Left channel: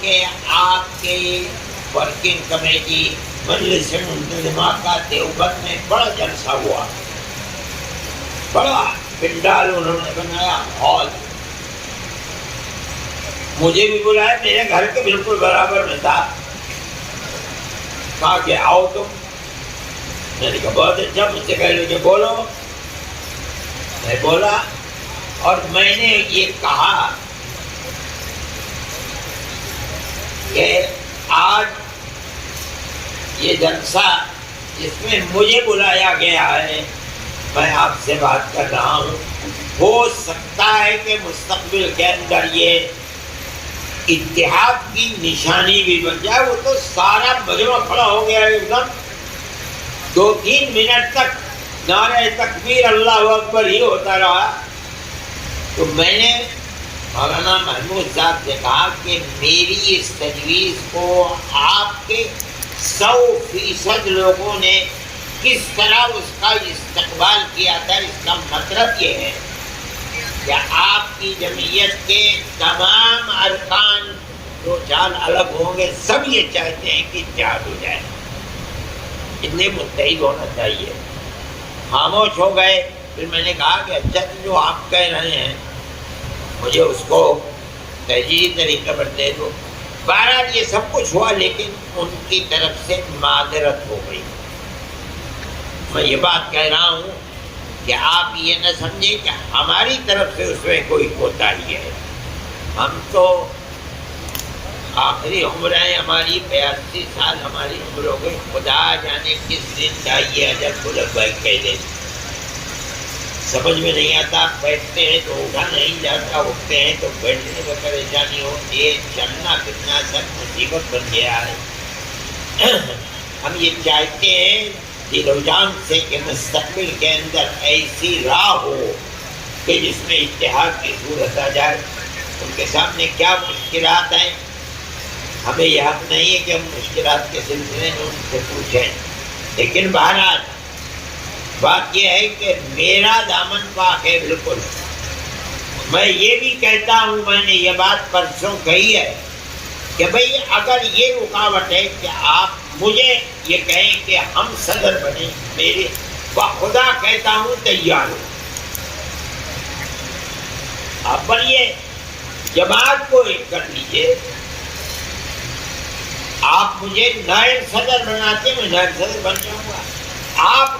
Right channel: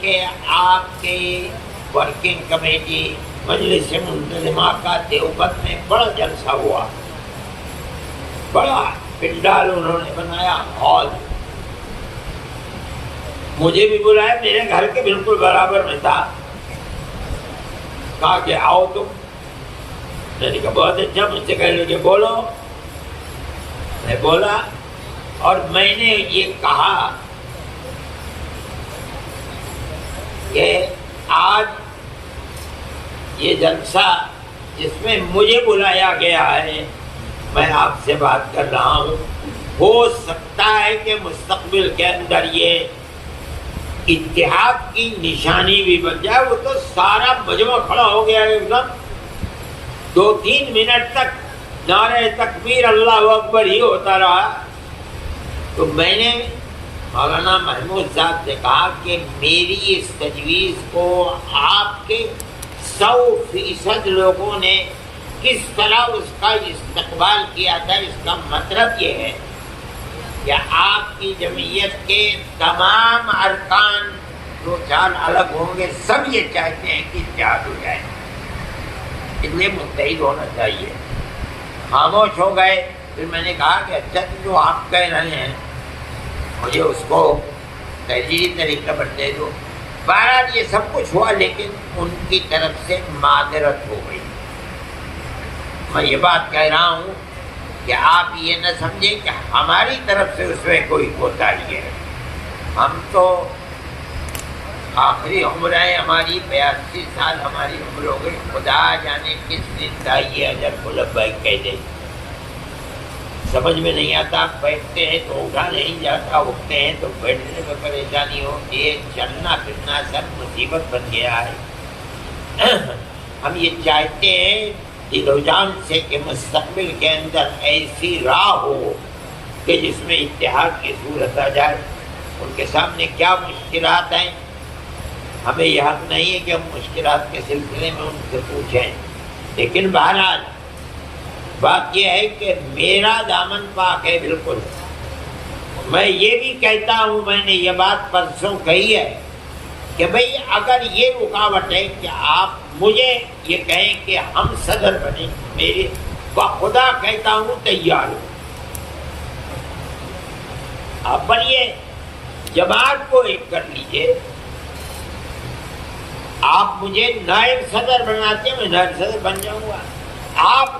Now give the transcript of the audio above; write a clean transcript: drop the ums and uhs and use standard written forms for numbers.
کہ آپ کے ورکنگ کمیٹی مجلس منتظمہ کا دیوبند میں بڑا جلسہ ہوا، بڑا پنڈال انہوں نے بنایا، ہال، مجھے بھی بلایا، میرے گھر کے بالکل برابر میں تھا، کہا کہ آؤ تم، میں نے کہا بہت اچھا، مجھ سے کہہ لے کہ بولو، میں بولا اور میں نے یہ کہا کہ آج یہ جلسہ جس میں مجھے بلایا گیا ہے، میں آپ سے بات کر رہا ہوں، ہو سکتا ہے کہ مستقبل کے اندر یہ اتحاد کی نشانی بھی بن جائے۔ وہ تو سارا مجمع کھڑا ہو گیا ایک دم، 2-3 منٹ تک نعرہ تکبیر اللہ اکبر ہی ہوتا رہا۔ تو میں نے مولانا محمود صاحب سے کہا کہ میری اس تجویز کو آپ کے 100% لوگوں نے کس طرح اس کا استقبال کیا تھا، اس کا مطلب یہ ہے کہ آپ کی جمعیت کے تمام ارکان جو چال الگ ہوں گے، سب یہ چاہتے ہیں کہ اتحاد ہو جائے، اتنے متحد ہونا چاہیے۔ خاموش ہو گئے۔ پھر میں نے کہا کہ اچھا تو جو آپ کہہ رہے ہیں مجھے اس کو تحریری طریقے پر دے دو۔ بہرحال یہ سب کچھ ہوا، لیکن ان کی طرف سے معذرت ہو گئی۔ میں یہ بات کہہ رہا ہوں کہ آپ یہ نہ سمجھیں کہ ہماری طرف سے اس میں کوئی کوتاہی ہے۔ ہم تو آخری عمر ہے ہماری، 82 سال ہماری عمر ہو گئی، خدا جانے کس دن کا یہ اجل کو لبیک کہہ دے، سمجھ میں نہیں آتا۔ بیٹھتے ہیں تو اٹھا نہیں جاتا، اٹھتے ہیں تو بیٹھنے میں پریشانی ہوتی ہے، چلنا پھرنا سب مصیبت بن گیا ہے۔ ہم یہ چاہتے ہیں دل و جان سے کہ مستقبل کے اندر ایسی راہ ہو کہ جس میں اتحاد کی صورت آ جائے۔ ان کے سامنے کیا مشکلات ہیں، ہمیں یہ حق نہیں ہے کہ ہم مشکلات کے سلسلے میں ان سے پوچھیں، لیکن بہرحال بات یہ ہے کہ میرا دامن پاک ہے بالکل۔ میں یہ بھی کہتا ہوں، میں نے یہ بات پرسوں کہی ہے کہ بھئی اگر یہ رکاوٹ ہے کہ آپ مجھے یہ کہیں کہ ہم صدر بنیں، میرے بخدا کہتا ہوں تیار ہوں۔ آپ بنیے، جماعت کو ایک کر لیجئے، آپ مجھے نائب صدر بناتے، میں نائب صدر بن جاؤں گا۔ آپ